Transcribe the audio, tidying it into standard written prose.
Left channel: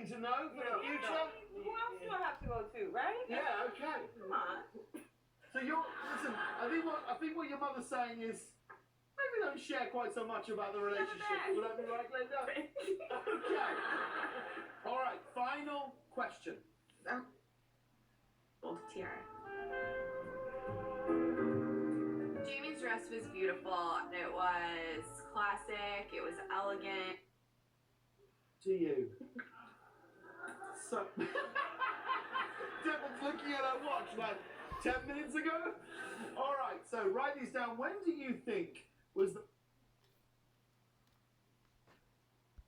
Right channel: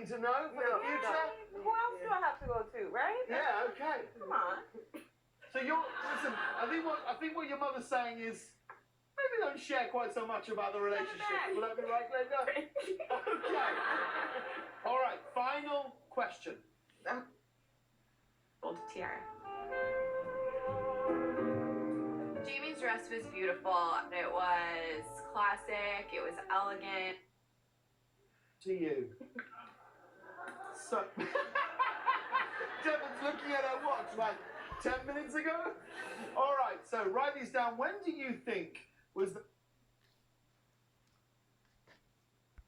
thing to know for the future. Who else do I have to go to, right? Yeah, okay. Come on. So listen, I think what your mother's saying is maybe don't share quite so much about the relationship. Will that be right, Glenda? Okay. All right, final question. Gold tiara. Jamie's dress was beautiful. It was classic. It was elegant. To you. So, Devin's looking at her watch like 10 minutes ago. All right, so write these down. When do you think was the